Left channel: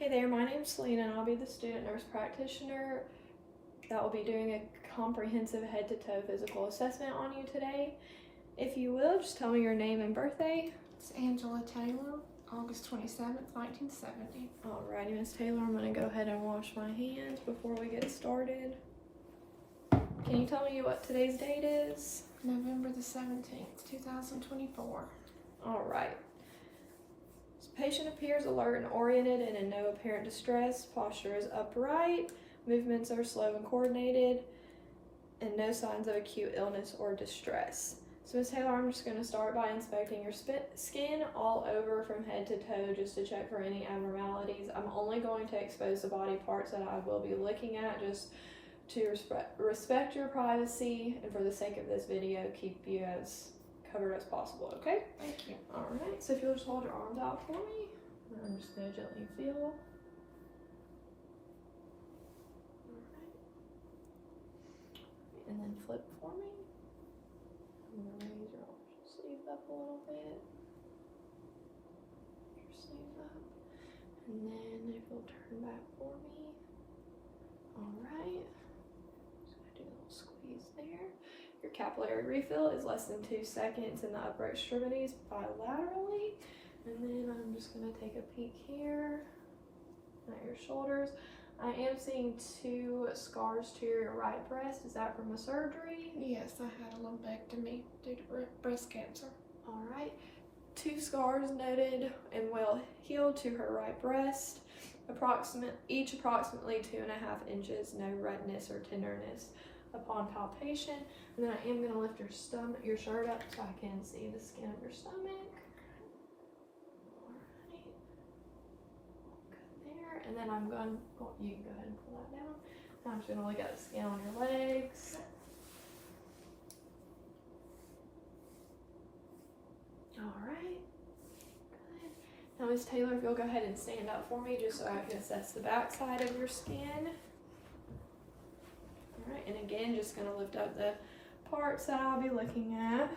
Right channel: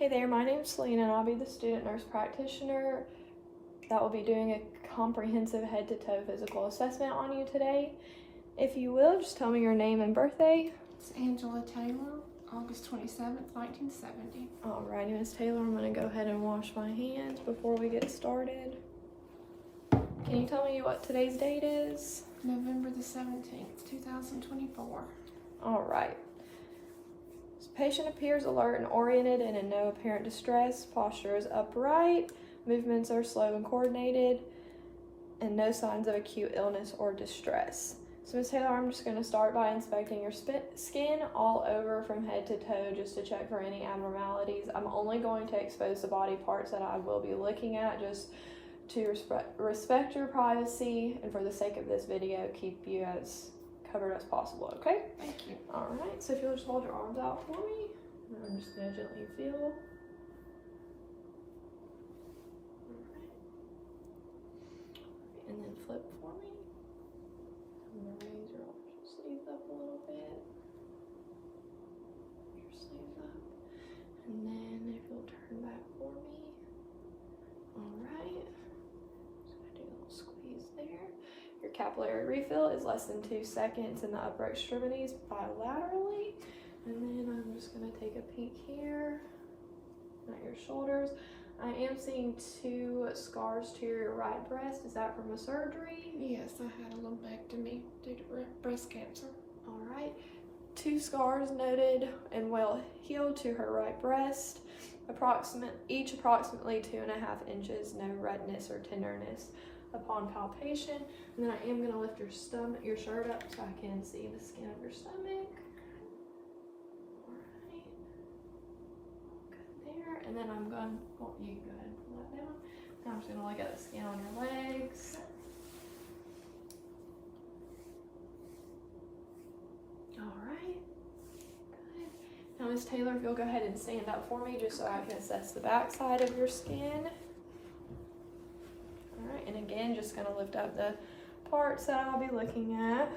Hey there, my name's Selena and I'll be the student nurse practitioner that will be doing a comprehensive head-to-toe physical assessment on you today. If you will, just tell me your name and birthday. It's Angela Taylor, August 27th, 1970. Alrighty, Miss Taylor, I'm going to go ahead and wash my hands before we get started. Can you tell me what today's date is? November the 17th, 2024. Alright. This patient appears alert and oriented and in no apparent distress. Posture is upright. Movements are slow and coordinated. And no signs of acute illness or distress. So Ms. Taylor, I'm just going to start by inspecting your skin all over from head to toe just to check for any abnormalities. I'm only going to expose the body parts that I will be looking at just to respect your privacy and for the sake of this video, keep you as covered as possible, okay? Thank you. Alright, so if you'll just hold your arms out for me, I'm just going to gently feel. Alright. And then flip for me. I'm going to raise your sleeves up a little bit. Your sleeves up. And then if you'll turn back for me. Alright. Just going to do a little squeeze there. Your capillary refill is less than 2 seconds in the upper extremities bilaterally. And then I'm just going to take a peek here at your shoulders. I am seeing 2 scars to your right breast. Is that from a surgery? Yes, I had a lumpectomy due to breast cancer. All right. 2 scars noted and well healed to her right breast. Each approximately 2.5 inches. No redness or tenderness upon palpation. And then I am going to lift your shirt up so I can see the skin of your stomach. Alright. Good there. And then I'm going, you can go ahead and pull that down. Now I'm just going to look at the skin on your legs. Alright. Good. Now Ms. Taylor, if you'll go ahead and stand up for me just so I can assess the back side of your skin. Alright, and again, just going to lift up the parts that I'll be looking at.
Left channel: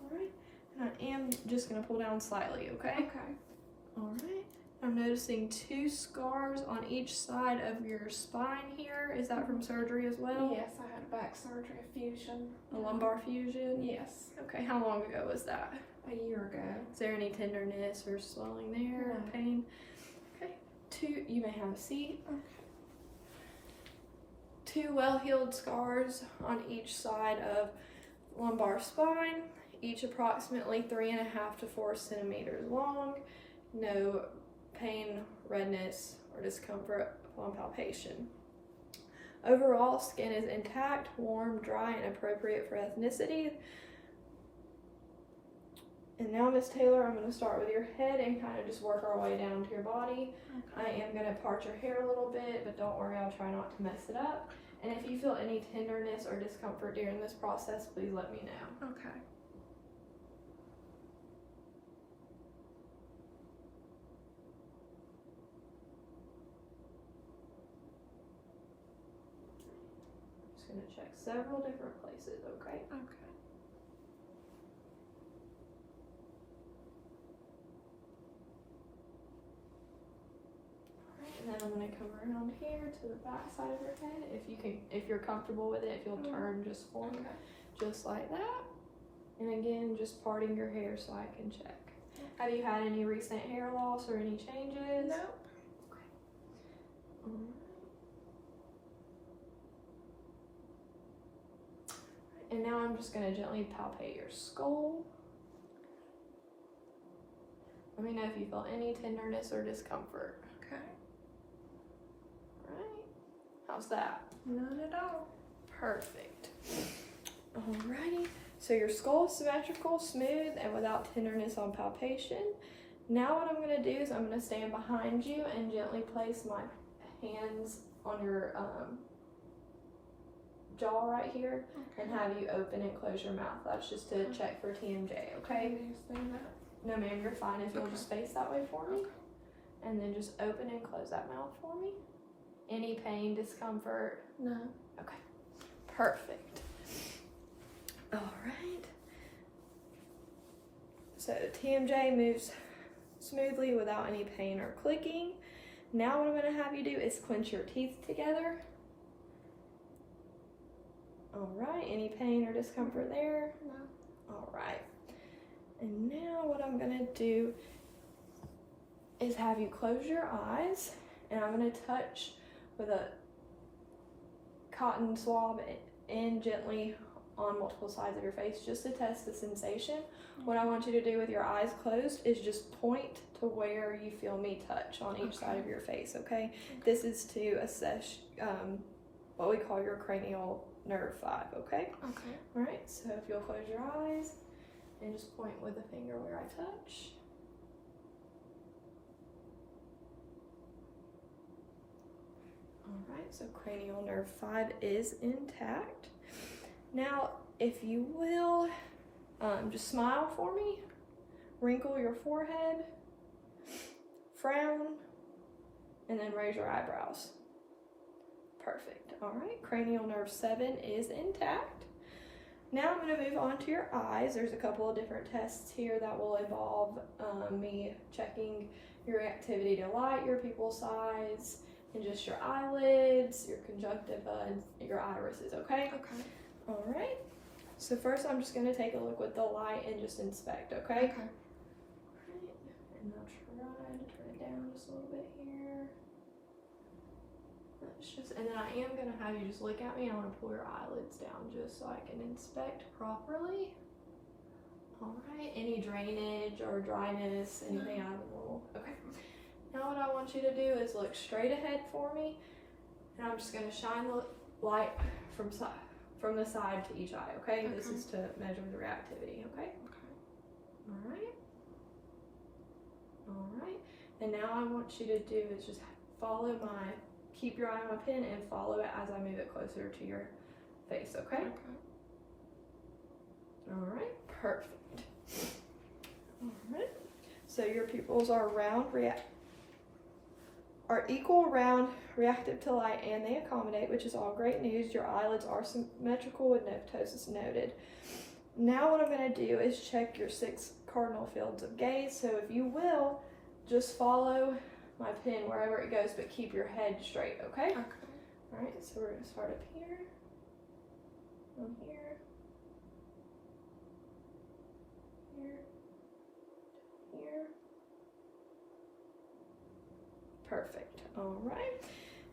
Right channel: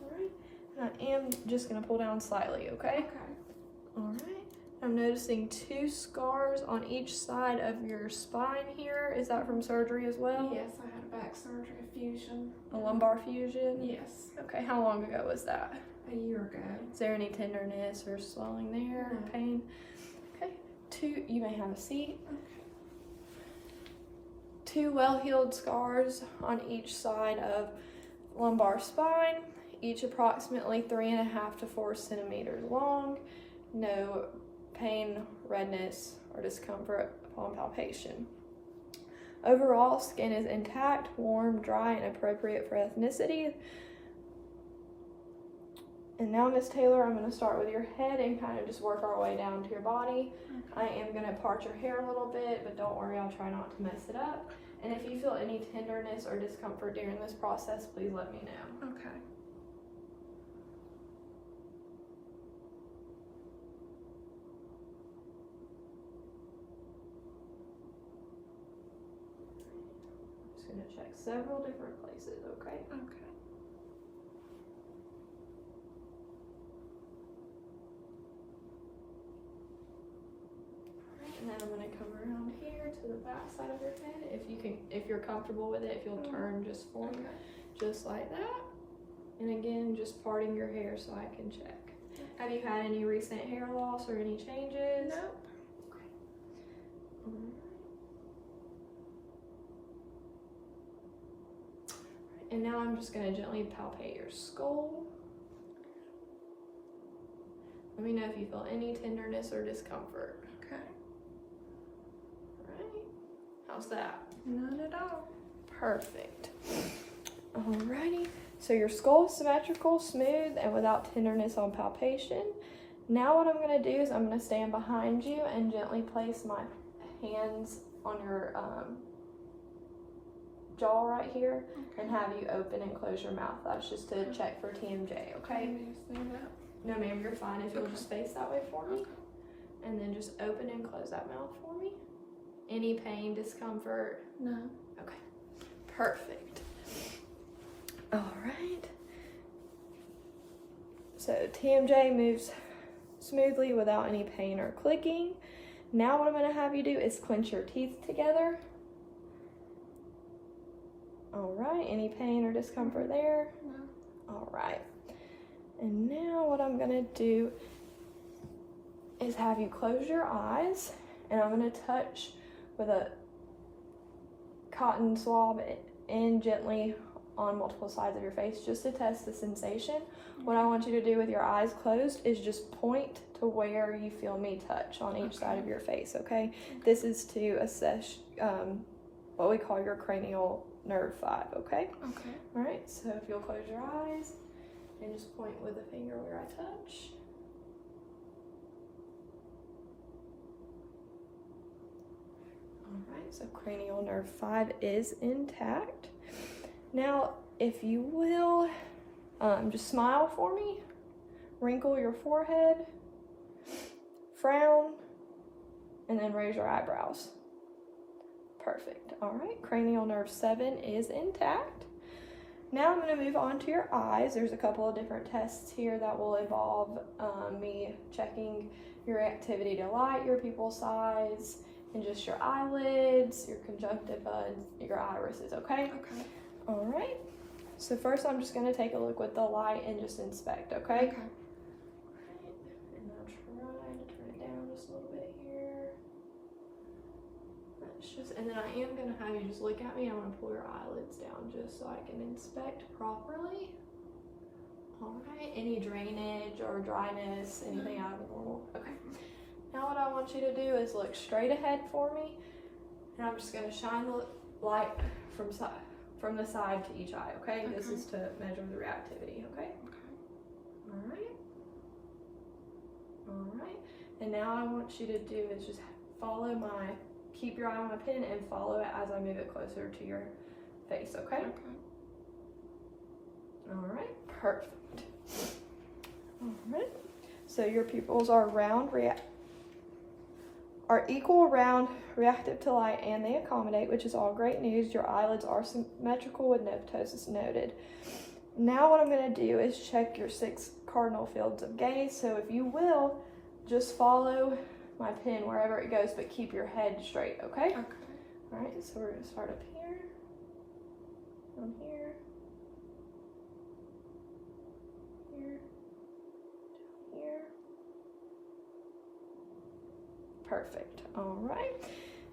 Alright, and I am just going to pull down slightly, okay? Okay. Alright, I'm noticing 2 scars on each side of your spine here. Is that from surgery as well? Yes, I had a back surgery, a fusion. A lumbar fusion? Yes. Okay, how long ago was that? A year ago. Is there any tenderness or swelling there or No. pain? Okay, 2, you may have a seat. Okay. 2 well-healed scars on each side of lumbar spine, each approximately 3.5 to 4 centimeters long. No pain, redness, or discomfort upon palpation. Overall, skin is intact, warm, dry, and appropriate for ethnicity. And now, Miss Taylor, I'm going to start with your head and kind of just work our way down to your body. Okay. I am going to part your hair a little bit, but don't worry, I'll try not to mess it up. And if you feel any tenderness or discomfort during this process, please let me know. Okay. I'm just going to check several different places, okay? Okay. And then I'm going to come around here to the back side of your head. If you're comfortable with it, if you'll turn just for me, just like that. And again, just parting your hair so I can check. Have you had any recent hair loss or any changes? Nope. Okay. And now I'm just going to gently palpate your skull. Let me know if you feel any tenderness or discomfort. Okay. Alright. How's that? None at all. Perfect. Alrighty. So your skull is symmetrical, smooth, and without tenderness on palpation. Now what I'm going to do is I'm going to stand behind you and gently place my hands on your jaw right here and have you open and close your mouth. That's just to check for TMJ, okay? Can you stand up? No ma'am, you're fine if you'll just face that way for me. Okay. And then just open and close that mouth for me. Any pain, discomfort? No. Okay, perfect. All right. So TMJ moves smoothly without any pain or clicking. Now what I'm going to have you do is clench your teeth together. All right, any pain or discomfort there? No. All right. And now what I'm going to do is have you close your eyes, and I'm going to touch with a cotton swab in gently on multiple sides of your face just to test the sensation. What I want you to do with your eyes closed is just point to where you feel me touch on each side of your face, okay? This is to assess what we call your cranial nerve 5, okay? Okay. All right, so if you'll close your eyes and just point with a finger where I touch. All right, so cranial nerve 5 is intact. Now, if you will, just smile for me, wrinkle your forehead, frown, and then raise your eyebrows. Perfect. All right, cranial nerve 7 is intact. Now I'm going to move on to your eyes. There's a couple of different tests here that will involve me checking your reactivity to light, your pupil size, and just your eyelids, your conjunctiva, and your irises, okay? Okay. All right. So first I'm just going to take a look with the light and just inspect, okay? Okay. Alright, and I'll try to turn it down just a little bit here. That's just, and then I am going to have you just look at me. I want to pull your eyelids down just so I can inspect properly. Alright, any drainage or dryness, anything out of the normal? Okay. Now what I want you to do is look straight ahead for me, and I'm just going to shine the light from the side to each eye, okay? This is to measure the reactivity, okay? Okay. Alright. Alright. And now I want you to do is just keep your eye on my pen and follow it as I move it closer to your face, okay? Okay. Alright, perfect. Alright. So your pupils are equal, round, reactive to light, and they accommodate, which is all great news. Your eyelids are symmetrical with no ptosis noted. Now what I'm going to do is check your 6 cardinal fields of gaze. So if you will, just follow my pen wherever it goes, but keep your head straight, okay? Okay. All right, so we're going to start up here, from here, here, here. Perfect. All right.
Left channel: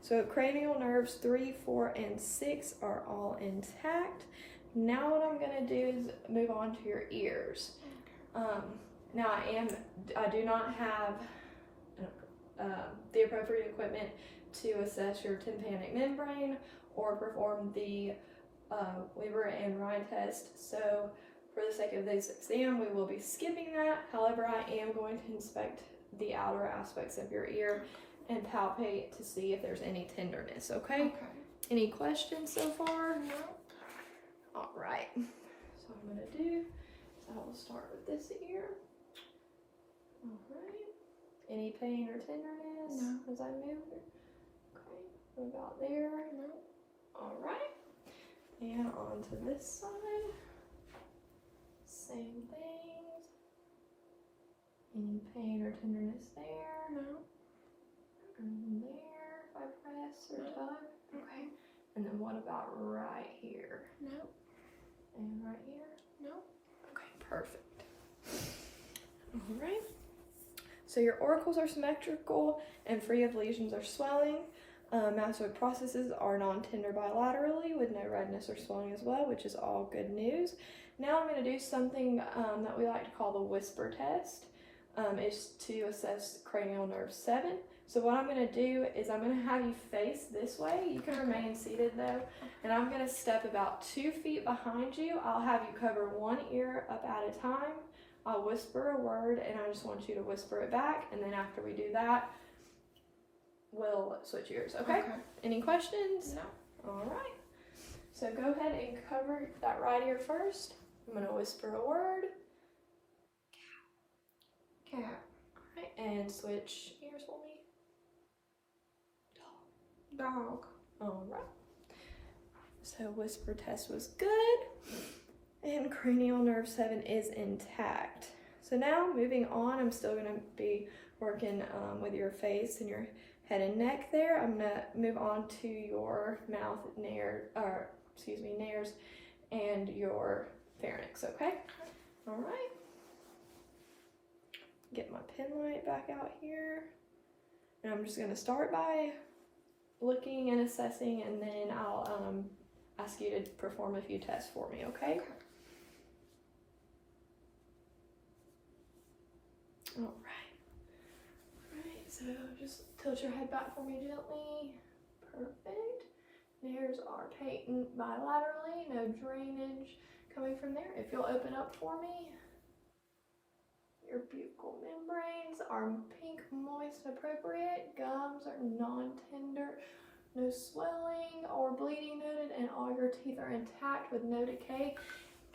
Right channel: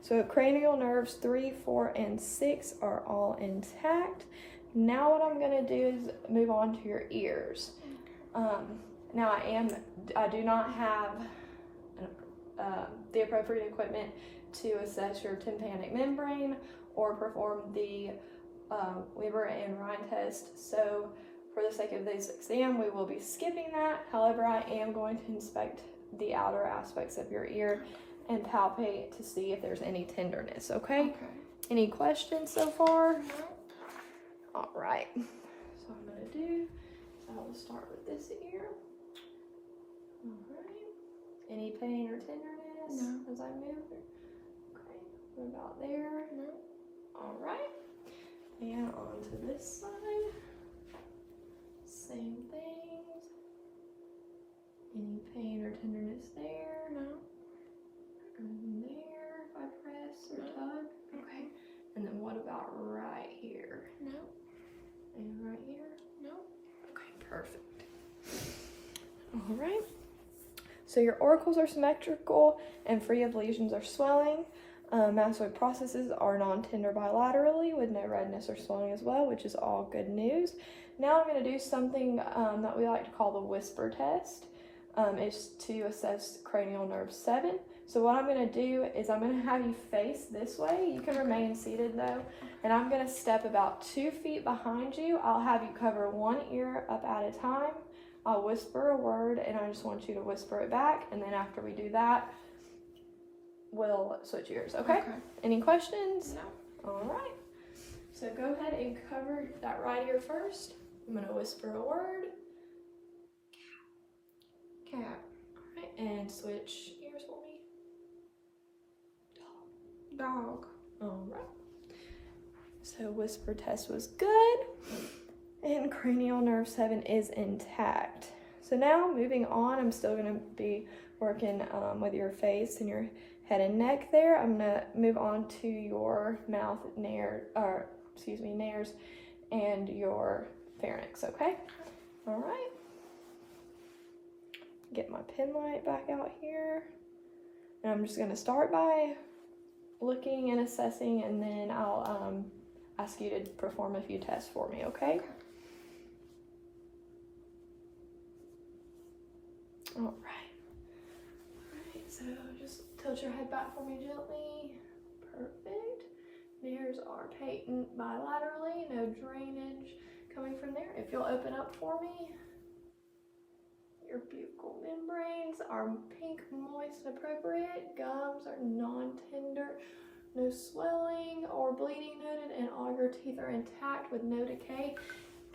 So cranial nerves 3, 4, and 6 are all intact. Now what I'm going to do is move on to your ears. Now I do not have the appropriate equipment to assess your tympanic membrane or perform the Weber and Rhine test. So for the sake of this exam, we will be skipping that. However, I am going to inspect the outer aspects of your ear and palpate to see if there's any tenderness, okay? Okay. Any questions so far? No. All right. So what I'm going to do is I will start with this ear. All right. Any pain or tenderness No. as I move it? Okay. What about there? No. All right. And on to this side. Same things. Any pain or tenderness there? No. And there, if I press or tug. Okay. And then what about right here? No. And right here? No. Okay, perfect. All right. So your auricles are symmetrical and free of lesions or swelling. Mastoid processes are non-tender bilaterally with no redness or swelling as well, which is all good news. Now I'm going to do something that we like to call the whisper test. Is to assess cranial nerve 7. So what I'm going to do is I'm going to have you face this way. You can remain seated though. And I'm going to step about 2 feet behind you. I'll have you cover one ear up at a time. I'll whisper a word and I just want you to whisper it back. And then after we do that, we'll switch ears, okay? Any questions? No. All right. So go ahead and cover that right ear first. I'm going to whisper a word. Cat. Alright, and switch ears for me. Dog. Alright. So whisper test was good. And cranial nerve 7 is intact. So So now moving on, I'm still going to be working with your face and your head and neck there. I'm going to move on to your mouth, nares, and your pharynx, okay? All right. Get my pen light back out here. And I'm just going to start by looking and assessing, and then I'll ask you to perform a few tests for me, okay? All right, so just tilt your head back for me gently. Perfect. Nares are patent bilaterally, no drainage coming from there. If you'll open up for me. Your buccal membranes are pink, moist, and appropriate. Gums are non-tender, no swelling or bleeding noted, and all your teeth are intact with no decay.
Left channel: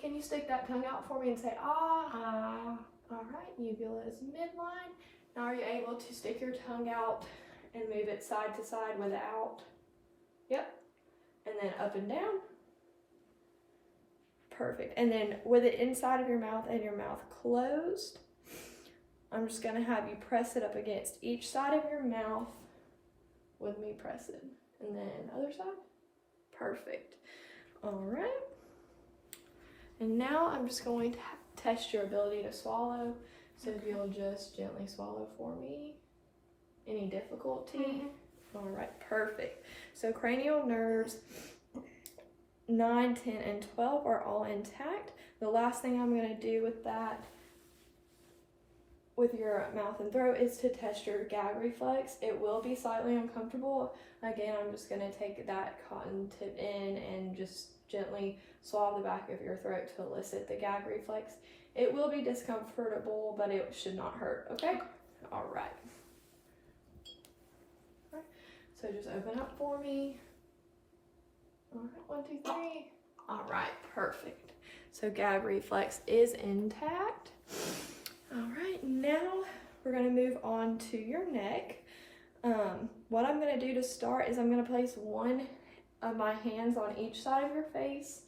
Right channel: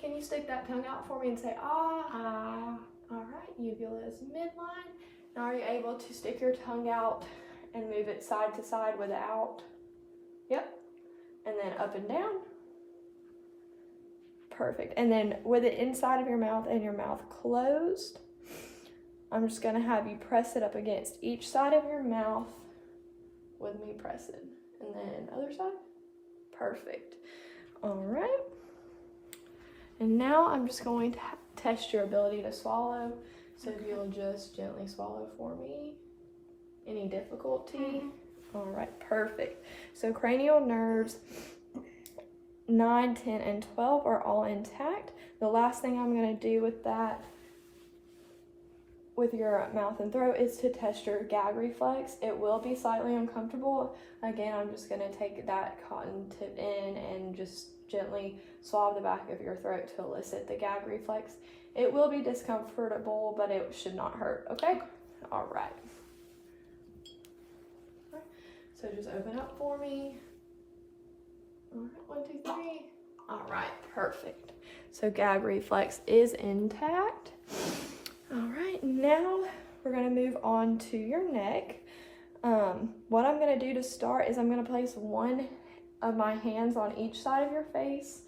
Can you stick that tongue out for me and say, ah? Ah. All right, uvula is midline. Now are you able to stick your tongue out and move it side to side without? Yep. And then up and down. Perfect. And then with it inside of your mouth and your mouth closed, I'm just going to have you press it up against each side of your mouth with me pressing. And then other side. Perfect. All right. And now I'm just going to test your ability to swallow. So if you'll just gently swallow for me. Any difficulty? All right, perfect. So cranial nerves 9, 10, and 12 are all intact. The last thing I'm going to do with that, with your mouth and throat, is to test your gag reflex. It will be slightly uncomfortable. Again, I'm just going to take that cotton tip in and just gently swab the back of your throat to elicit the gag reflex. It will be discomfortable, but it should not hurt, okay? All right. So just open up for me. All right, 1, 2, 3. All right, perfect. So gag reflex is intact. All right, now we're gonna move on to your neck. What I'm gonna do to start is I'm gonna place one of my hands on each side of your face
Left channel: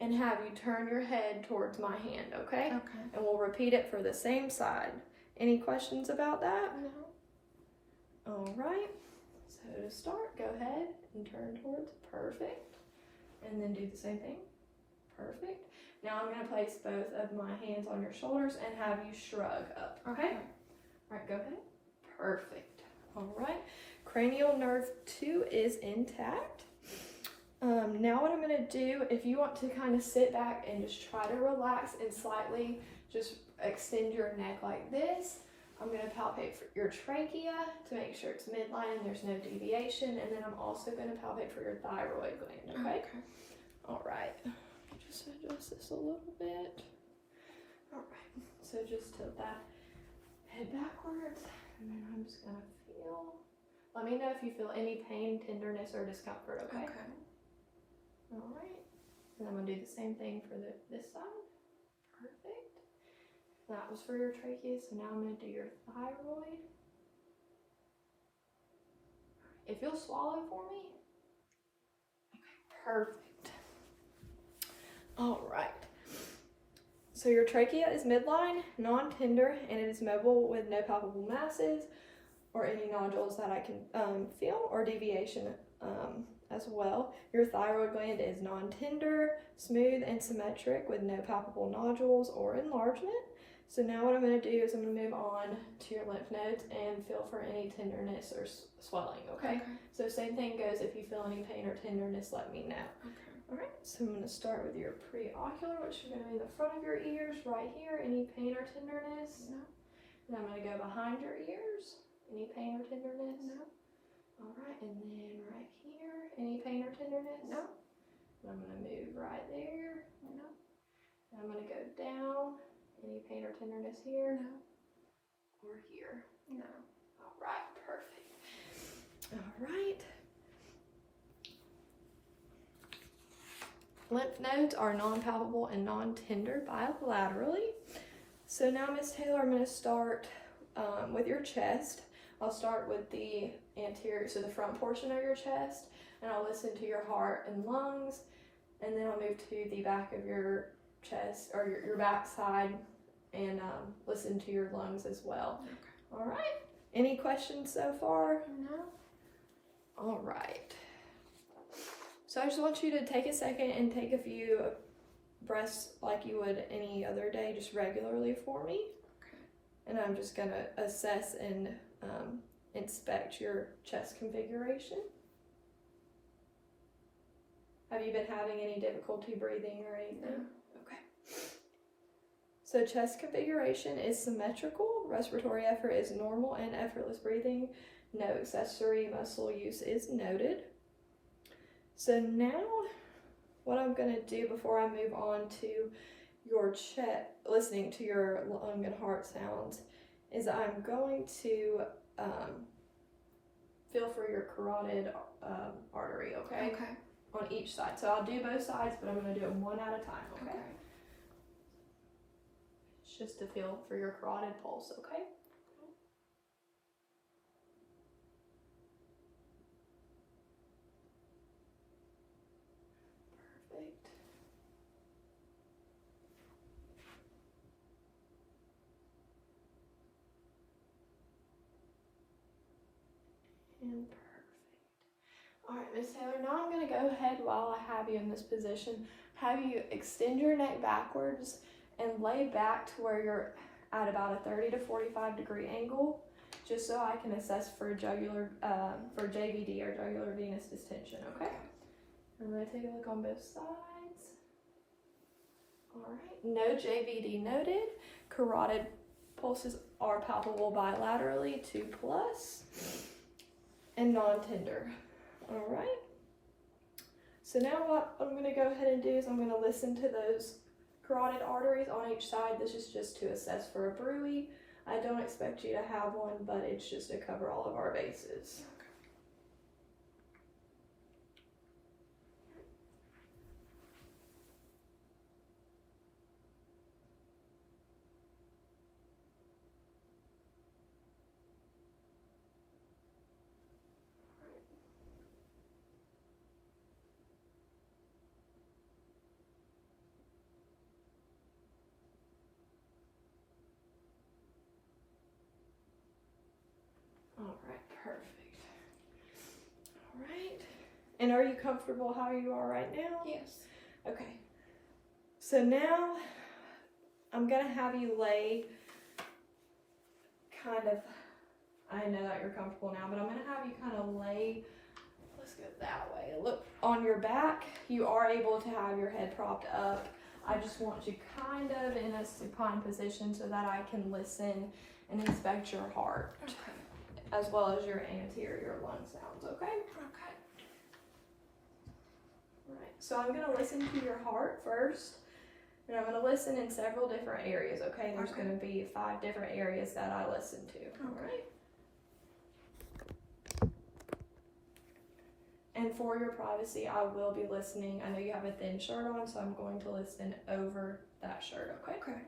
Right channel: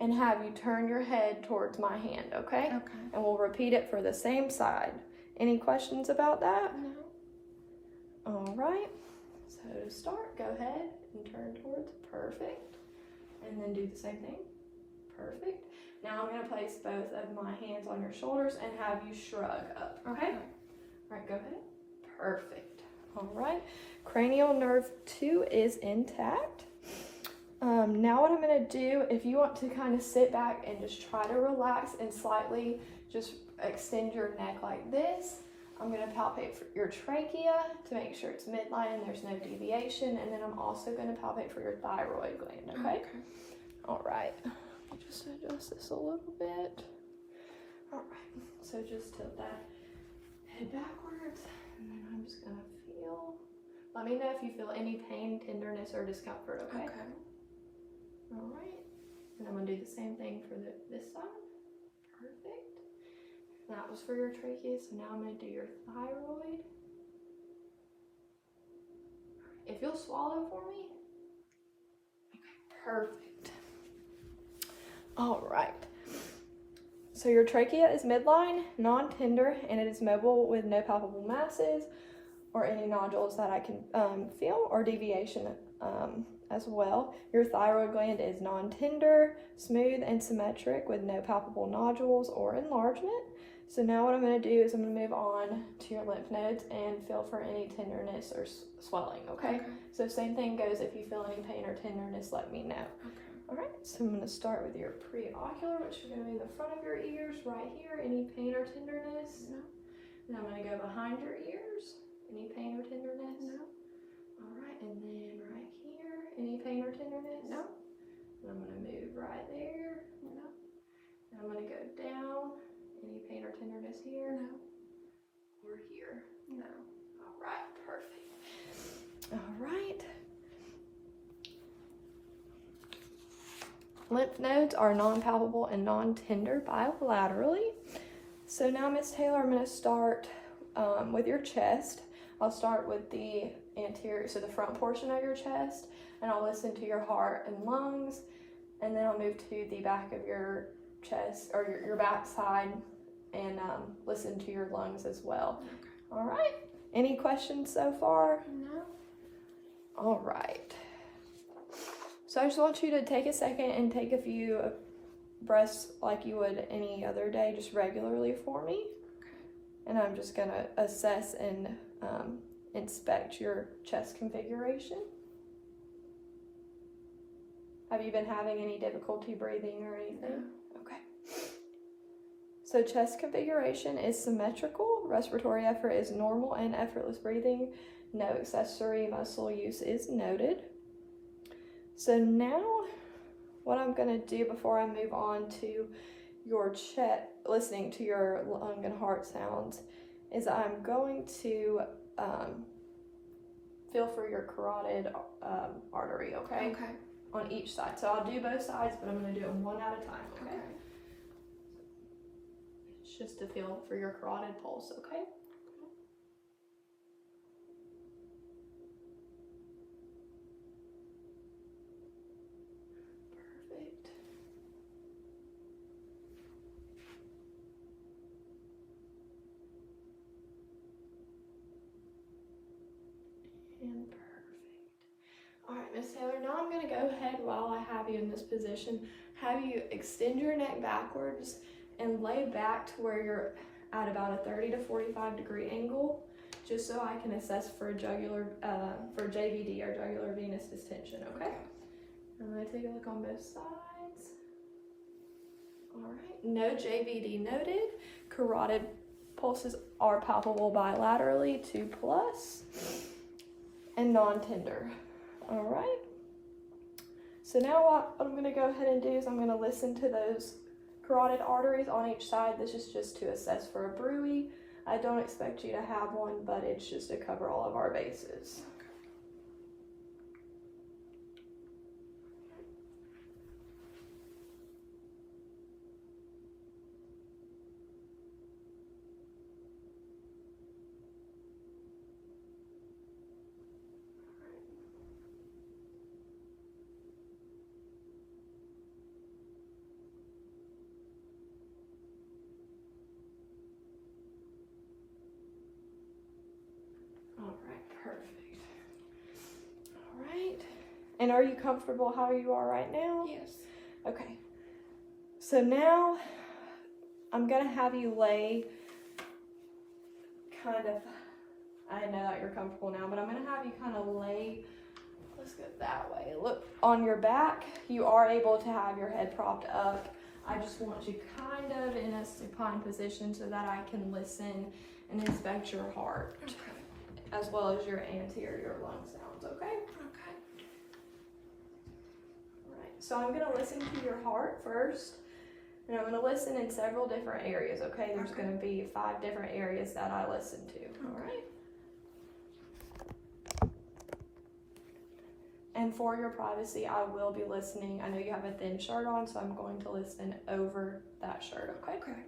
and have you turn your head towards my hand, okay? Okay. And we'll repeat it for the same side. Any questions about that? No. All right, so to start, go ahead and turn towards, perfect. And then do the same thing, perfect. Now I'm gonna place both of my hands on your shoulders and have you shrug up, okay? All right, go ahead, perfect. All right, cranial nerve 2 is intact. Now what I'm gonna do, if you want to kind of sit back and just try to relax and slightly just extend your neck like this, I'm gonna palpate for your trachea to make sure it's midline and there's no deviation, and then I'm also gonna palpate for your thyroid gland, okay? All right, just adjust this a little bit. All right, so just tilt that head backwards, and then I'm just gonna feel. Let me know if you feel any pain, tenderness, or discomfort, okay? Okay. All right, and I'm gonna do the same thing for this side. Perfect. That was for your trachea, so now I'm gonna do your thyroid. If you'll swallow for me. Okay, perfect. All right. So your trachea is midline, non-tender, and it is mobile with no palpable masses or any nodules that I can feel, or deviation as well. Your thyroid gland is non-tender, smooth, and symmetric with no palpable nodules or enlargement. So now what I'm going to do is I'm going to move on to your lymph nodes and feel for any tenderness or swelling, okay? So same thing goes, if you feel any pain or tenderness, let me know. Okay. All right, so I'm going to start with your preocular, which is going to be the front of your ears right here. Any pain or tenderness? No. Then I'm going to go behind your ears. Any pain or tenderness? No. All right, and then right here. Any pain or tenderness? No. And I'm going to move right there. No. And I'm going to go down. Any pain or tenderness here? No. Or here? No. All right, perfect. All right. Lymph nodes are non-palpable and non-tender bilaterally. So now, Miss Taylor, I'm going to start with your chest. I'll start with the anterior, so the front portion of your chest, and I'll listen to your heart and lungs, and then I'll move to the back of your chest, or your back side, and listen to your lungs as well. Okay. All right. Any questions so far? No. All right. So I just want you to take a second and take a few breaths like you would any other day, just regularly for me. Okay. And I'm just going to assess and inspect your chest configuration. Have you been having any difficulty breathing or anything? No. Okay. So chest configuration is symmetrical, respiratory effort is normal, and effortless breathing, no accessory muscle use is noted. So now what I'm going to do before I move on to your chest, listening to your lung and heart sounds, is I'm going to feel for your carotid artery, okay? Okay. On each side. So I'll do both sides, but I'm going to do them one at a time, okay? Okay. It's just to feel for your carotid pulse, okay? Perfect. And perfect. All right, Miss Taylor, now I'm going to go ahead while I have you in this position, have you extend your neck backwards and lay back to where you're at about a 30 to 45 degree angle, just so I can assess for jugular, for JVD or jugular venous distension, okay? I'm going to take a look on both sides. All right, no JVD noted. Carotid pulses are palpable bilaterally, 2+, and non-tender. All right. So now what I'm going to go ahead and do is I'm going to listen to those carotid arteries on each side. This is just to assess for a bruit. I don't expect you to have one, but it's just to cover all of our bases. All right, perfect. All right. And are you comfortable how you are right now? Yes. Okay. So now I'm going to have you lay kind of, I know that you're comfortable now, but I'm going to have you kind of lay, let's go that way. Look, on your back, you are able to have your head propped up. I just want you kind of in a supine position so that I can listen and inspect your heart. Okay. As well as your anterior lung sounds, okay? Okay. All right, so I'm gonna listen to your heart first, and I'm gonna listen in several different areas, okay? There's Okay. gonna be 5 different areas that I listen to, all right? And for your privacy, I will be listening. I know you have a thin shirt on, so I'm going to listen over that shirt, okay? Okay.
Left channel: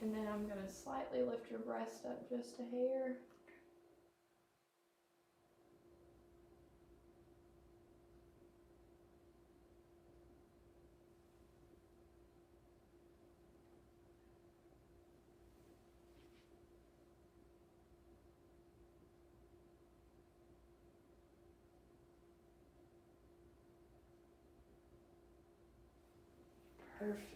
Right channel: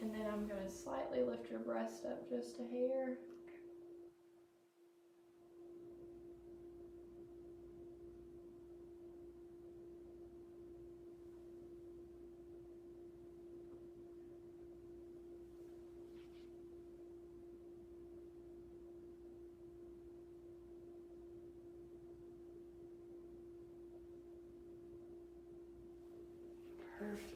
And then I'm gonna slightly lift your breast up just a hair. Perfect.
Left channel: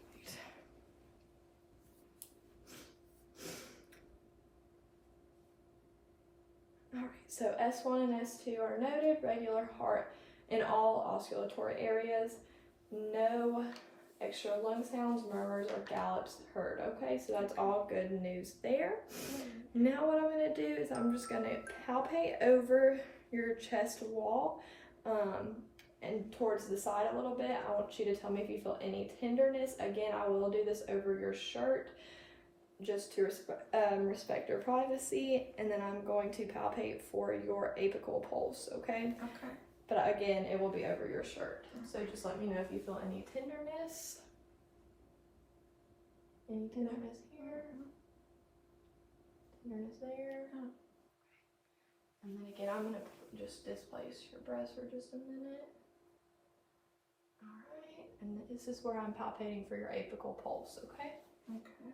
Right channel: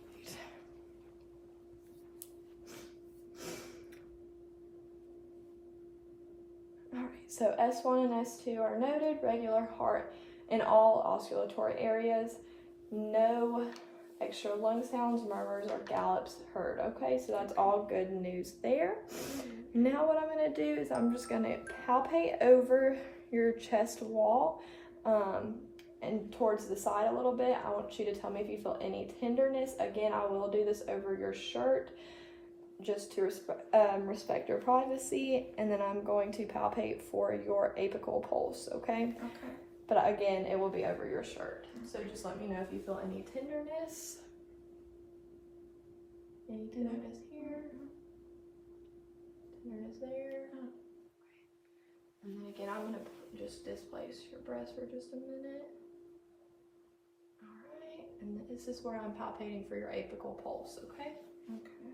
All right, so S1 and S2 are noted, regular heart in all oscillatory areas, no extra lung sounds, murmurs, or gallops heard, okay? So that's all good news there. Now what I'm gonna do is I'm just gonna palpate over your chest wall and towards the side a little bit. I want you to tell me if you feel any tenderness. Again, I will do this over your shirt just to respect your privacy, and then I'm going to palpate for your apical pulse, okay? Okay. But again, it will be over your shirt. So just let me know if you feel any tenderness. Any tenderness here? Tenderness there? Oh. And then again, I'm gonna just displace your breast for just a minute. Alright, and this is where I'm palpating for your apical pulse, okay? Okay.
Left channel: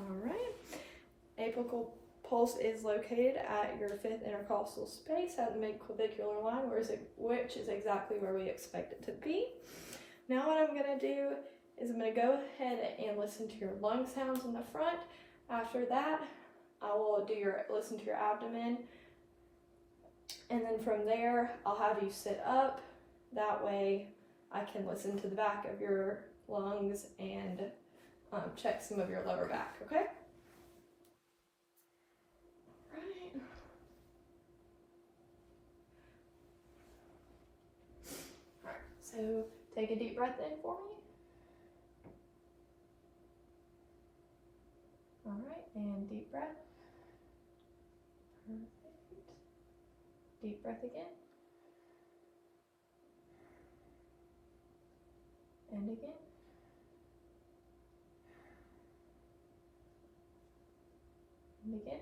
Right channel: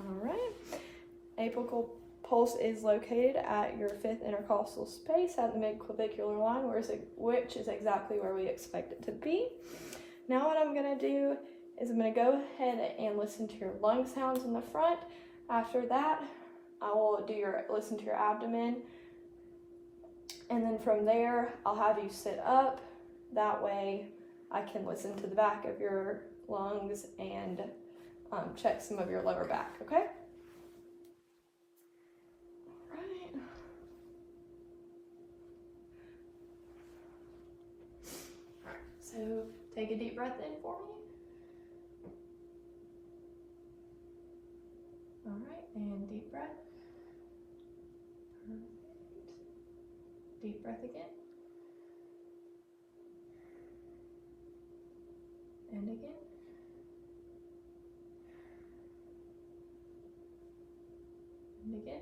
Alright. Apical pulse is located at your 5th intercostal space at the midclavicular line, which is exactly where we expect it to be. Now what I'm going to do is I'm going to go ahead and listen to your lung sounds in the front. After that, I will listen to your abdomen. And then from there, I'll have you sit up. That way I can listen to the back of your lungs and check some of your lower back, okay? Alright. Alright, so take a deep breath in for me. Alright, and deep breath. Perfect. Deep breath again. And again. And again.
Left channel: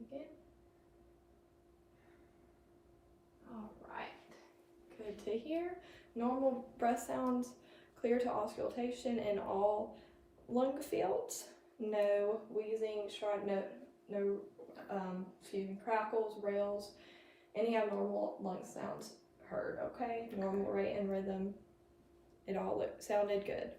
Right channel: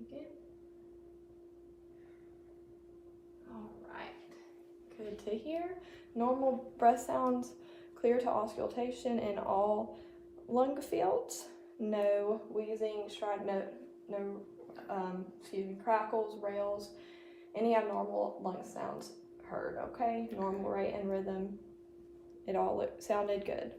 Again. All right. Good to hear. Normal breath sounds, clear to auscultation in all lung fields. No wheezing, crackles, rails, any abnormal lung sounds heard, okay? Normal rate and rhythm. It all sounded good.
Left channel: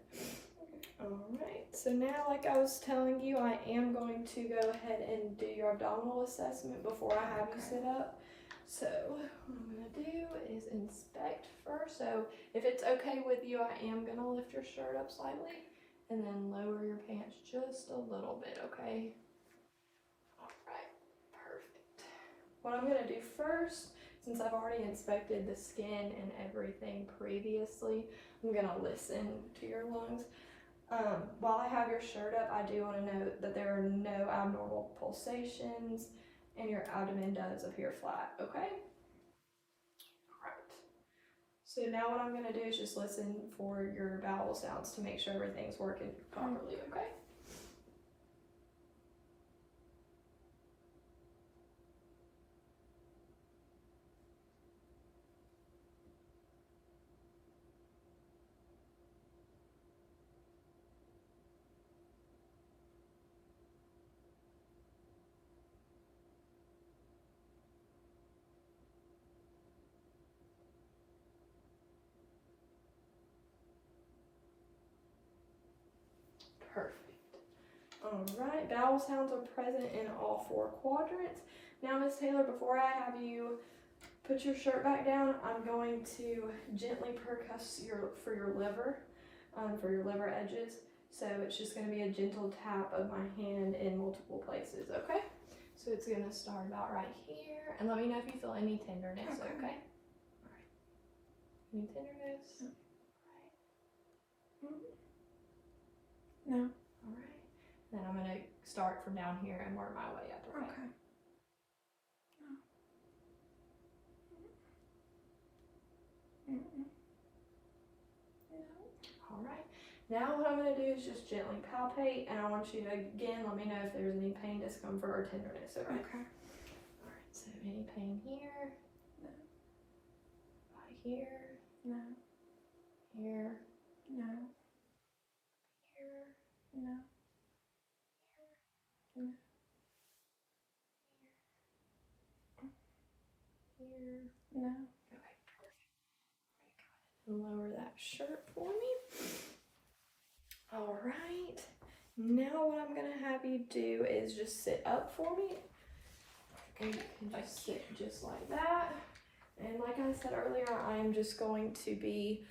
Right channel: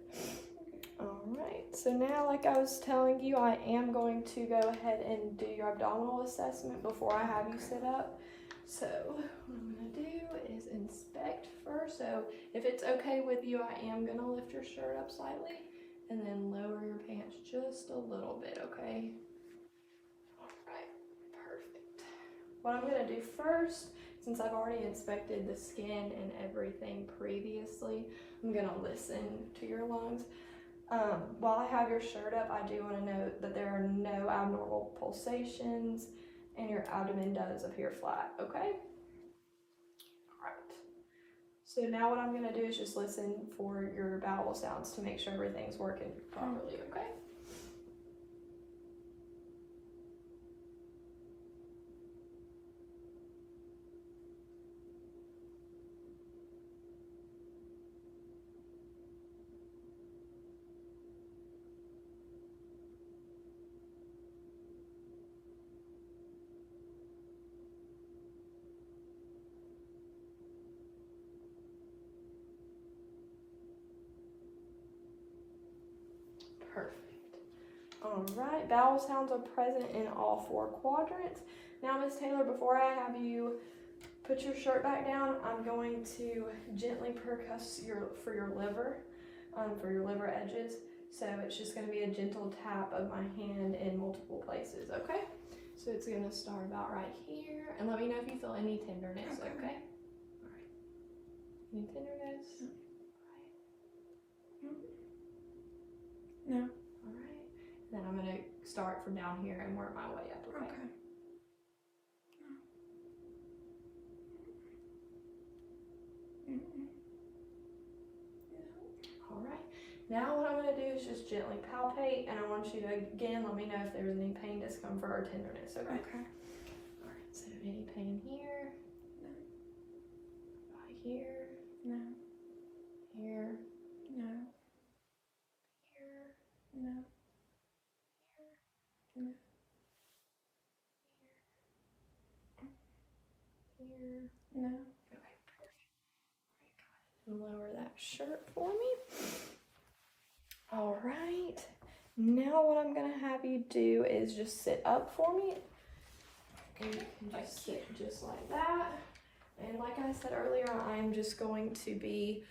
Alright, so now like I was telling you, I am going to go ahead and do your abdominal assessment before I have you sit up. So what I'm going to do is inspect first. So if it's okay with you, I am going to lift your shirt up slightly and then lower your pants just a little bit, okay? Alright, perfect. What I'm going to do first, since I've already inspected the skin and everything previously, I'm going to listen to your lungs. While I have your shirt up, I do want to note that there are no abnormal pulsations and your abdomen does appear flat, okay? Alright. So now what I'm going to do is just listen for your bowel sounds to make sure everything's working properly, okay? Perfect. Alright, bowel sounds are present in all 4 quadrants. Now, Ms. Taylor, before I have you put your shirt back down, I'm going to gently percuss for your liver edges. So it's just going to be a gentle tap of my hand in multiple places, okay? So it's going to start about right here. And let me know if you feel any tenderness, okay? Alright. Any tenderness? Mm-hmm. No. Alright. Then I'm going to start from down here and work my way up, okay? Okay. No. Mm-mm. No. Alright. Now what I'm going to do is just gently palpate, and I want you to, again, let me know if there's any pain, discomfort, or tenderness, okay? Okay. Alright, so any pain here? No. Right here? No. Here? No. Here? No. No. Here? No. Okay, perfect. Alright, go ahead and lower that shirt for me. Alright, now what I'm going to have you do is just sit up for me. And you can just sit just like that. And like I said earlier, I am just going to be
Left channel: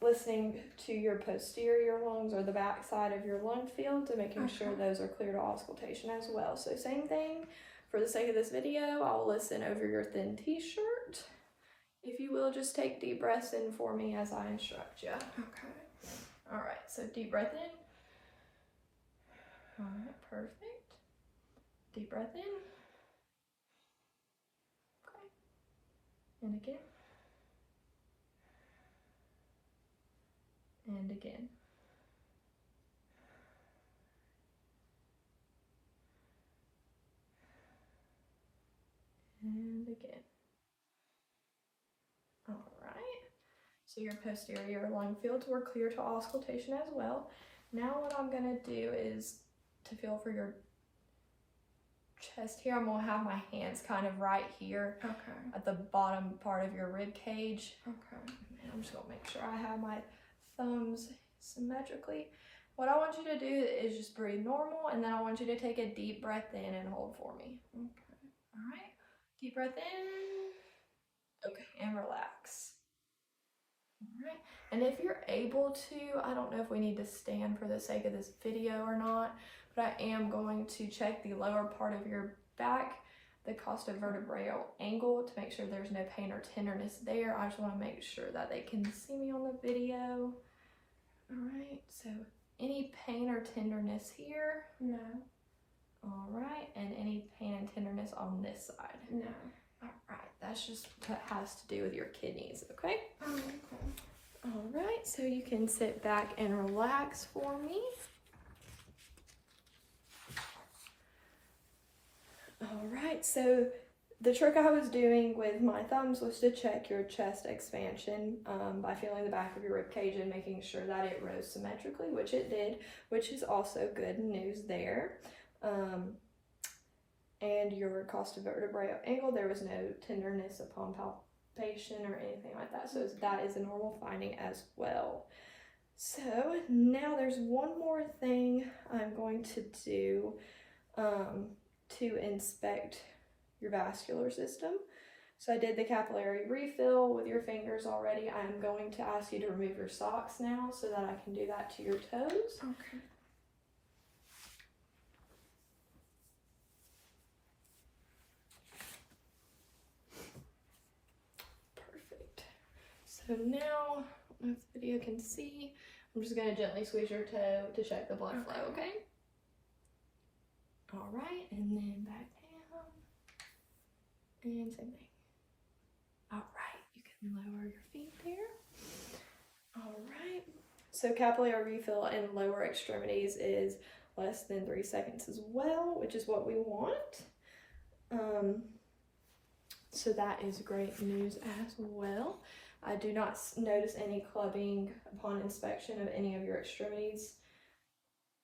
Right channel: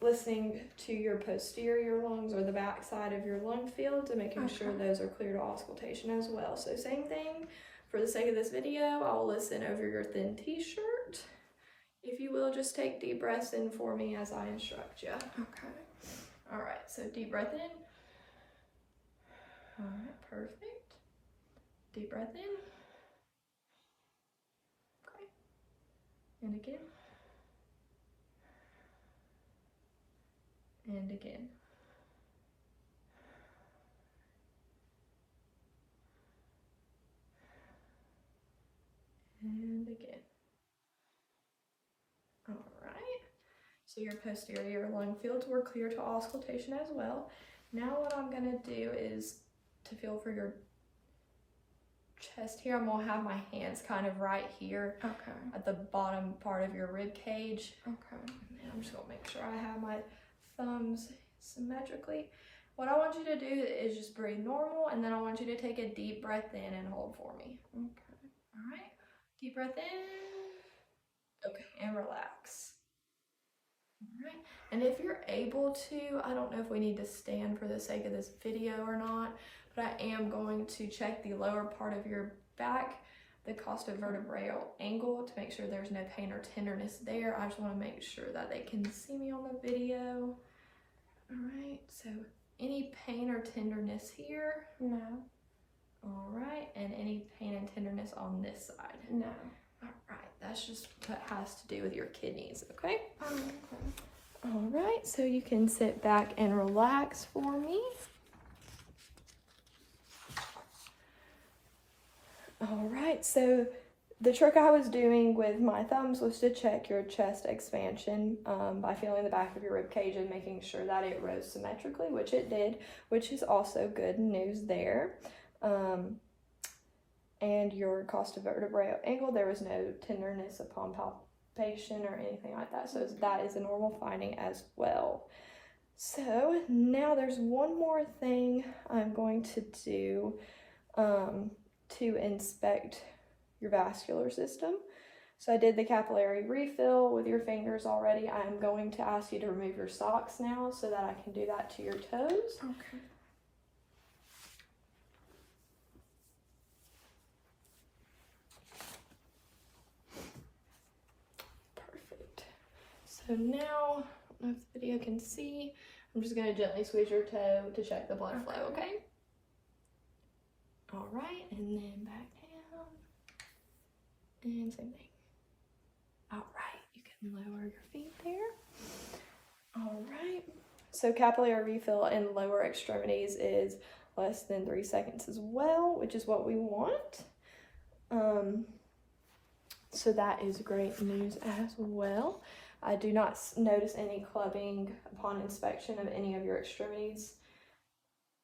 listening to your posterior lungs or the back side of your lung fields and making sure those are clear to auscultation as well. So same thing, for the sake of this video, I'll listen over your thin t-shirt. If you will, just take deep breaths in for me as I instruct you. Okay. All right, so deep breath in. All right, perfect. Deep breath in. Okay. And again. And again. And again. All right. So your posterior lung fields were clear to auscultation as well. Now what I'm gonna do is to feel for your chest here. I'm gonna have my hands kind of right here at the bottom part of your rib cage. Okay. And I'm just gonna make sure I have my thumbs symmetrically. What I want you to do is just breathe normal, and then I want you to take a deep breath in and hold for me. Okay. All right, deep breath in. Okay, and relax. All right, and if you're able to, I don't know if we need to stand for the sake of this video or not, but I am going to check the lower part of your back, the costovertebral angle, to make sure there's no pain or tenderness there. I just want to make sure that they can see me on the video. All right, so any pain or tenderness here? No. All right, and any pain and tenderness on this side? No. All right, that's just what has to do with your kidneys, okay? Okay. All right, so you can sit back and relax for me. All right, so the trick I was doing with my thumbs was to check your chest expansion by feeling the back of your rib cage and making sure that it rose symmetrically, which it did, which is also good news there. And your costovertebral angle, there was no tenderness upon palpation or anything like that. So that is a normal finding as well. So now there's one more thing I'm going to do to inspect your vascular system. So I did the capillary refill with your fingers already. I'm going to ask you to remove your socks now so that I can do that to your toes. Okay. Perfect. So now, I don't know if the video can see, I'm just going to gently squeeze your toe to check the blood flow, okay? All right, and then back down. And same thing. All right, you can lower your feet there. All right, so capillary refill in lower extremities is less than 3 seconds as well, which is what we want. So that is great news as well. I do not notice any clubbing upon inspection of any of your extremities,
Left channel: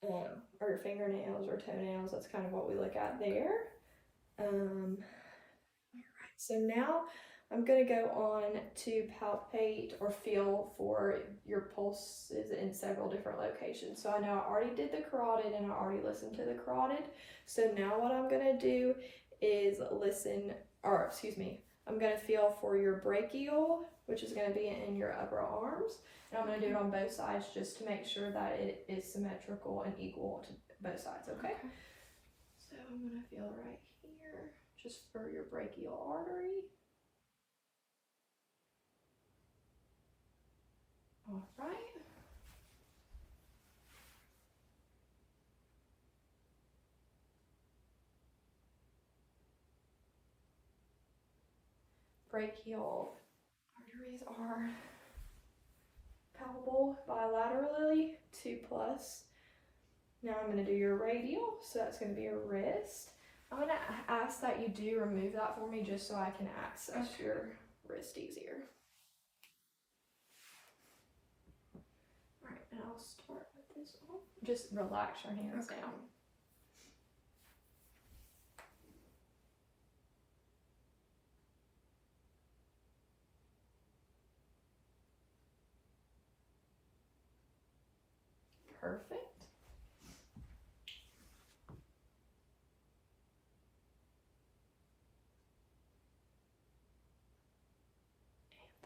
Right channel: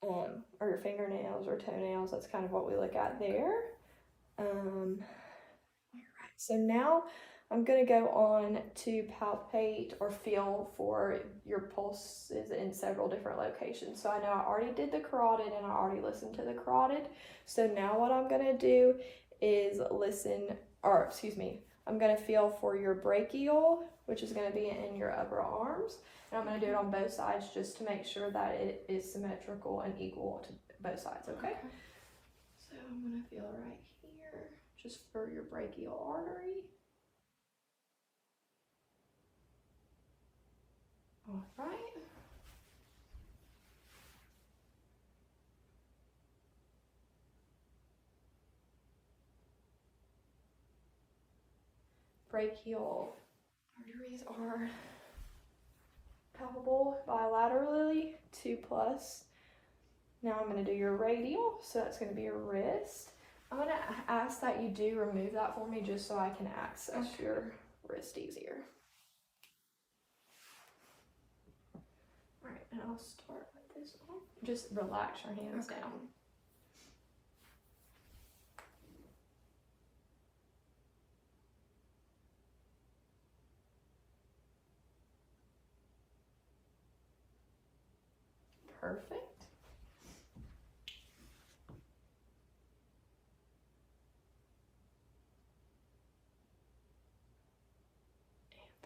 or your fingernails or toenails. That's kind of what we look at there. Alright, so now I'm going to go on to palpate or feel for your pulses in several different locations. So I know I already did the carotid and I already listened to the carotid. So now what I'm going to do is I'm going to feel for your brachial, which is going to be in your upper arms. And I'm going to do it on both sides just to make sure that it is symmetrical and equal to both sides, okay? So I'm going to feel right here, just for your brachial artery. All right. Brachial arteries are palpable bilaterally, 2+. Now I'm going to do your radial, so that's going to be your wrist. I'm going to ask that you do remove that for me just so I can access your wrist easier. Alright, and I'll start with this one. Just relax your hands down. Perfect.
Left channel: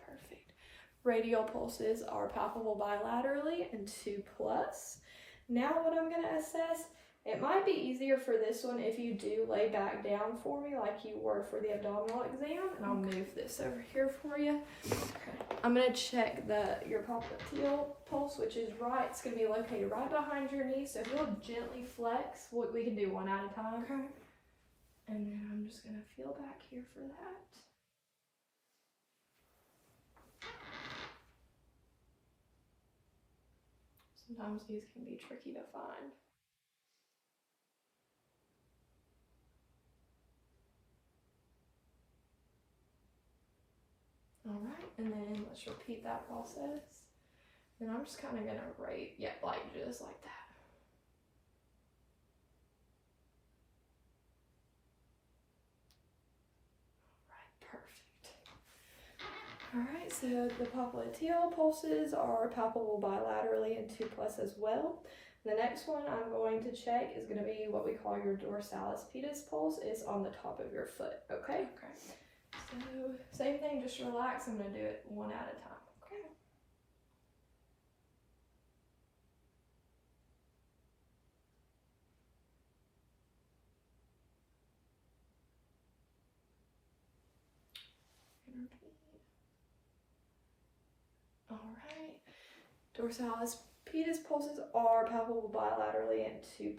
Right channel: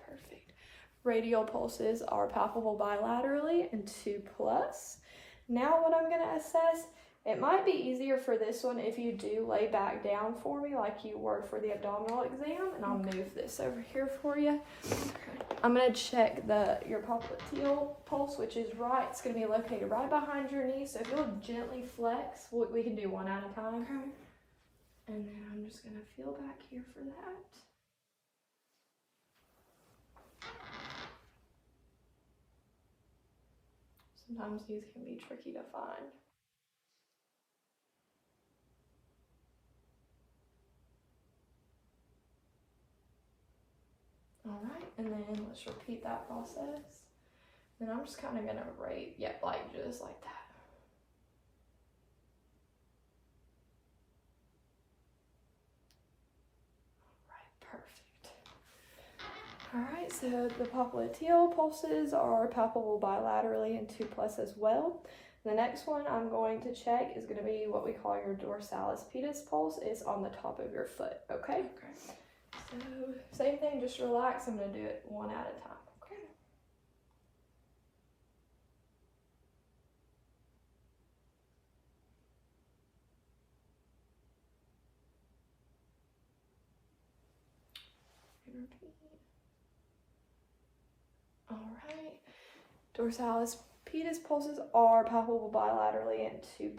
perfect. Radial pulses are palpable bilaterally and 2+. Now what I'm going to assess, it might be easier for this one if you do lay back down for me like you were for the abdominal exam, and I'll move this over here for you. Okay. I'm going to check your popliteal pulse, which is right. It's going to be located right behind your knee, so if you'll gently flex, we can do one at a time. Okay. And then I'm just going to feel back here for that. Sometimes these can be tricky to find. All right, and then let's repeat that process. Then I'm just kind of gonna rate, like just like that. All right, perfect. All right, so the popliteal pulses are palpable bilaterally and 2+ as well. The next one I'm going to check is going to be what we call your dorsalis pedis pulse. It's on the top of your foot, okay? Okay. So, same thing, just relax. I'm going to do it one at a time. Okay. All right. Dorsalis pedis pulses are palpable bilaterally and 2+.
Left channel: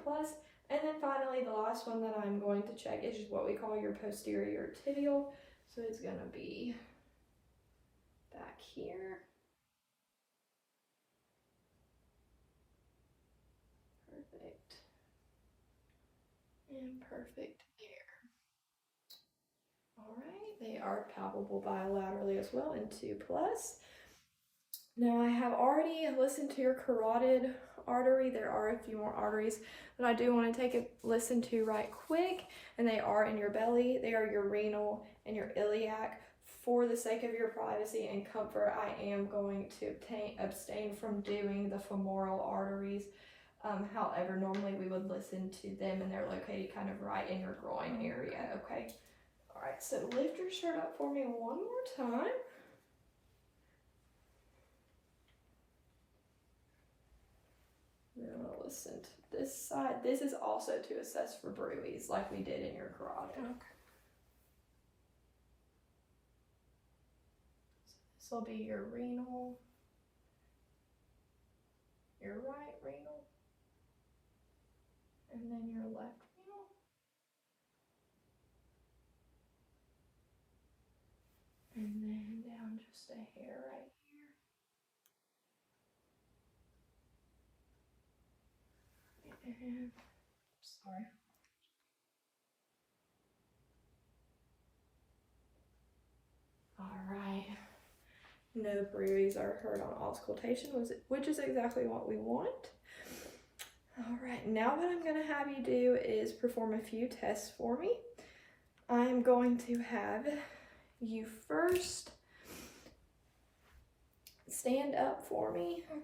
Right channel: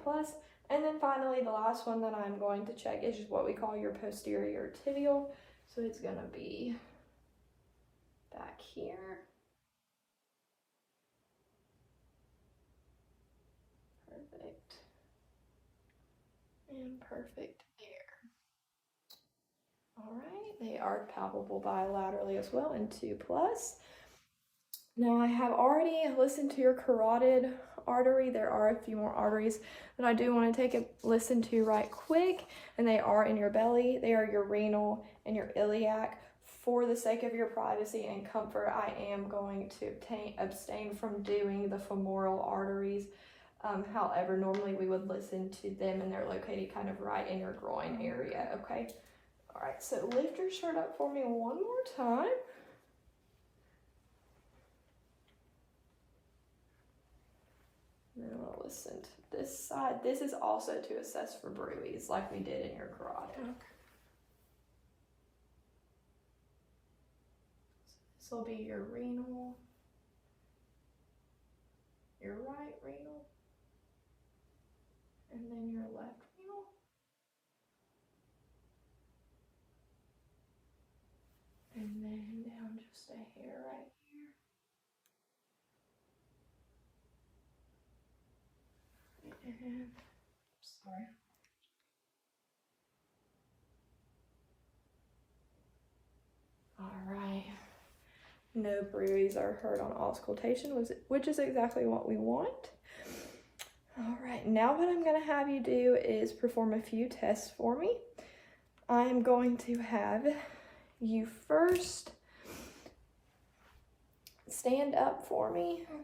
And then finally, the last one that I'm going to check is just what we call your posterior tibial. So it's going to be back here. Perfect. And perfect here. All right, they are palpable bilaterally as well in 2+. Now I have already listened to your carotid artery. There are a few more arteries that I do want to take a listen to right quick, and they are in your belly. They are your renal and your iliac. For the sake of your privacy and comfort, I am going to abstain from doing the femoral arteries. However, normally we would listen to them, and they're located kind of right in your groin area, okay? All right, so lift your shirt up for me one more time. Then we'll listen to this side. This is also to assess for bruits, like we did in your carotid. Okay. So this will be your renal, your right renal, and then your left renal. And then down just a hair right here. And, sorry. All right. No bruits are heard on auscultation, which is exactly what we want. All right, now what I'm going to have you do is perform a few tests for me. I'm going to have you first stand up for me. Okay.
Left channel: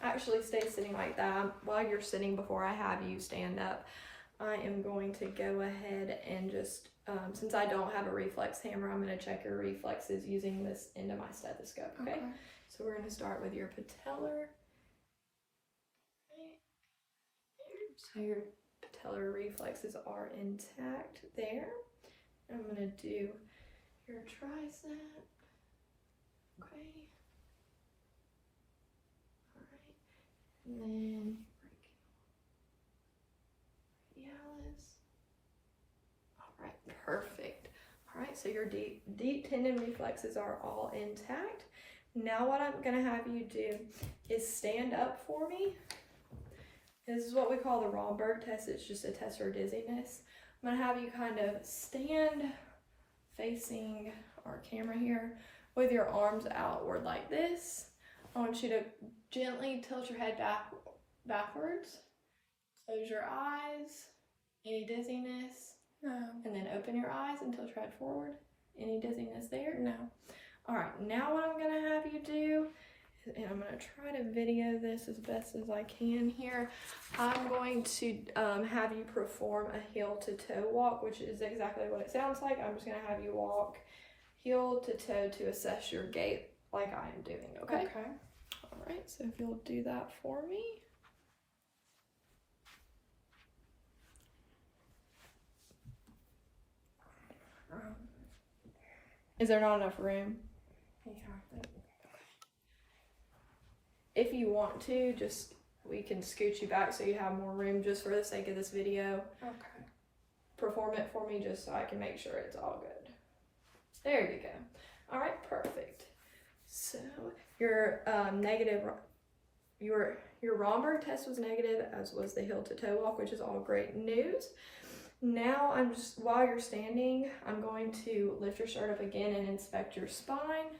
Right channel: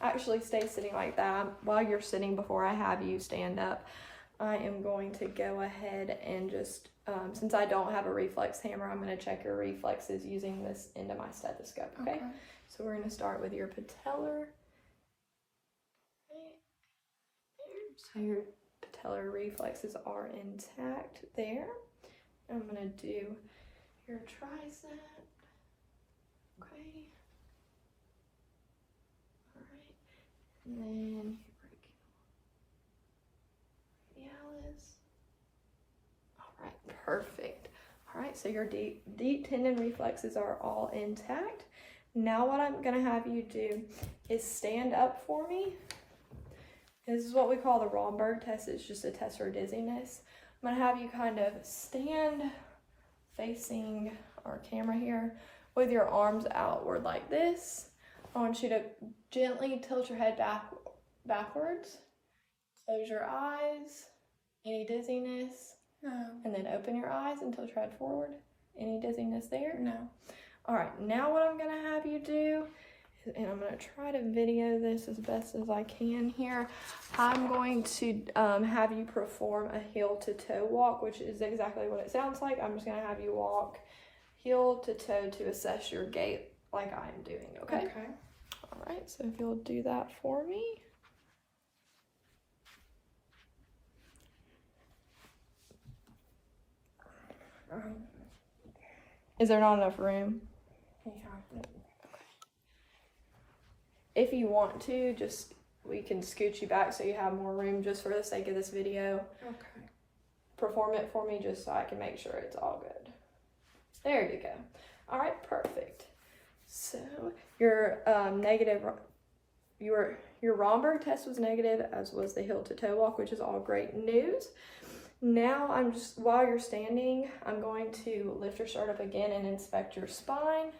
Actually, stay sitting like that. While you're sitting, before I have you stand up, I am going to go ahead and just, since I don't have a reflex hammer, I'm going to check your reflexes using this end of my stethoscope, okay? So we're going to start with your patellar. So your patellar reflexes are intact there. I'm going to do your tricep, okay? And then brachialis. All right, perfect. All right, so your deep tendon reflexes are all intact. Now what I'm gonna have you do is stand up for me. This is what we call the Romberg test. It's just a test for dizziness. I'm gonna have you kind of stand facing our camera here with your arms outward like this. I want you to gently tilt your head backwards. Close your eyes. Any dizziness? No. And then open your eyes and tilt your head forward. Any dizziness there? No. All right, now what I'm going to have you do, and I'm going to try to video this as best as I can here. I'm going to have you perform a heel to toe walk, which is exactly what it sounds like. I'm just going to have you walk heel to toe to assess your gait like I am doing, okay? Okay. All right, so if you'll do that for me. Is there not enough room? If you want to, we can scoot you back so you have more room just for the sake of this video. Okay. Perform it for me just so I can make sure it's all good. There you go. All right, perfect. So your your Romberg test was negative, as was the heel to toe walk, which is all great news. Now while you're standing, I'm going to lift your shirt up again and inspect your spine.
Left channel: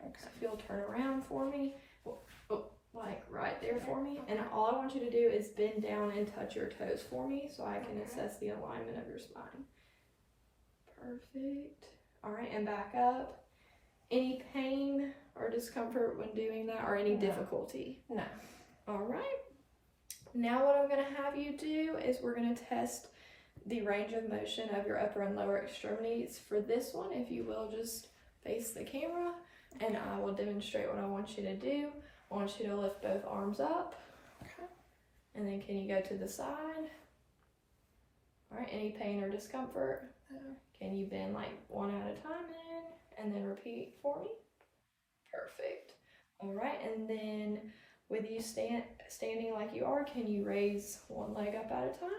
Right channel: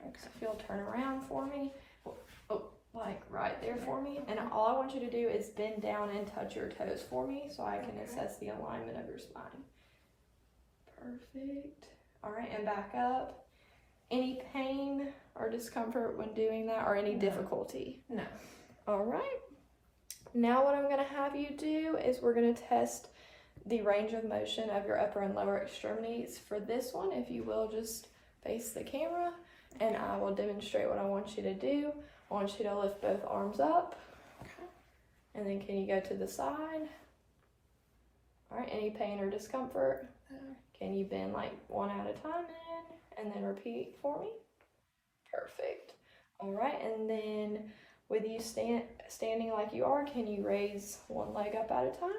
Okay. So if you'll turn around for me, like right there for me. And all I want you to do is bend down and touch your toes for me so I can assess the alignment of your spine. Perfect. All right, and back up. Any pain or discomfort when doing that, or any difficulty? No. All right. Now what I'm going to have you do is we're going to test the range of motion of your upper and lower extremities. For this one, if you will, just face the camera, and I will demonstrate what I want you to do. I want you to lift both arms up. Okay. And then can you go to the side? All right, any pain or discomfort? No. Can you bend like one at a time in, and then repeat for me? Perfect. All right, and then with you standing like you are, can you raise one leg up at a time?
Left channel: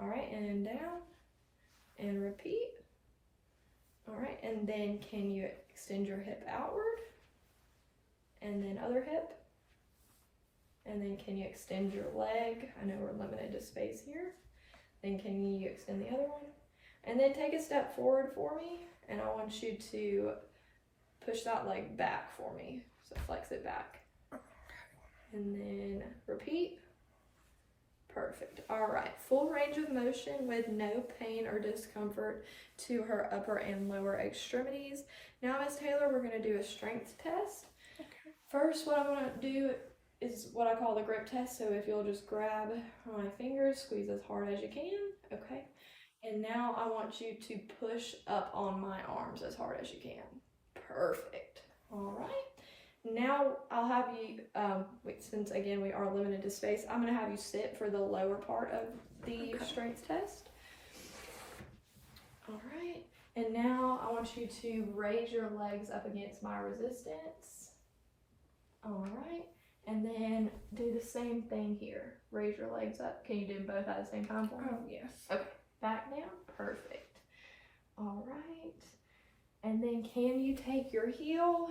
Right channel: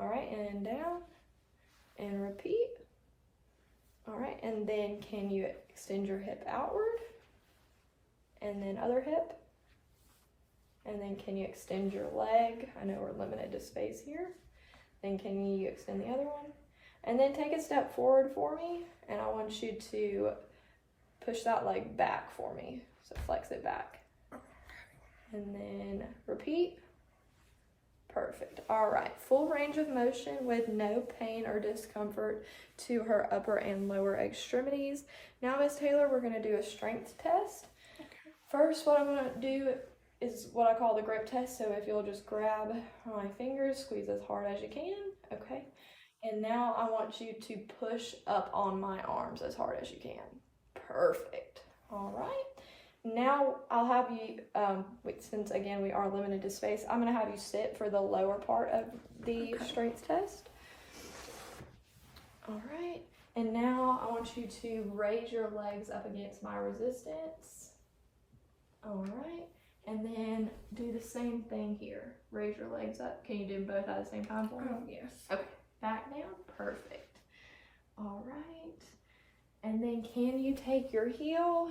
All right, and down, and repeat. All right, and then can you extend your hip outward? And then other hip. And then can you extend your leg? I know we're limited to space here. Then can you extend the other one? And then take a step forward for me, and I want you to push that leg back for me. So flex it back. And then repeat. Perfect. All right, full range of motion with no pain or discomfort to her upper and lower extremities. Now, Miss Taylor, we're going to do a strength test. Okay. First, what I'm going to do is what I call the grip test. So if you'll just grab my fingers, squeeze as hard as you can, okay? And now I want you to push up on my arms as hard as you can. Perfect. All right. Now I'll have you, since again we are limited to space, I'm going to have you sit for the lower part of the strength test. All right. And now I want you to raise your legs up against my resistance. All right. And then do the same thing here. Raise your legs up. Can you do them both at the same time for me? Yes. Okay. Back down. Perfect. All right. And then can you take your heel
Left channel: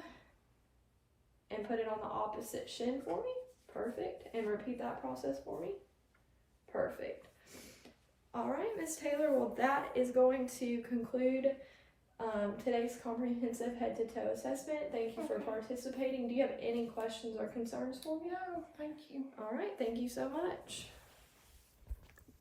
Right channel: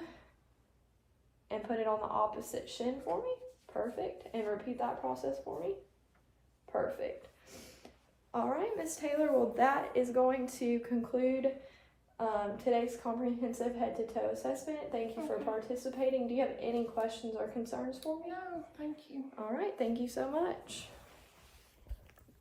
and put it on the opposite shin for me? Perfect. And repeat that process for me. Perfect. All right, Miss Taylor, well, that is going to conclude today's comprehensive head-to-toe assessment. Thank you for participating. Do you have any questions or concerns for me? No, thank you. All right, thank you so much.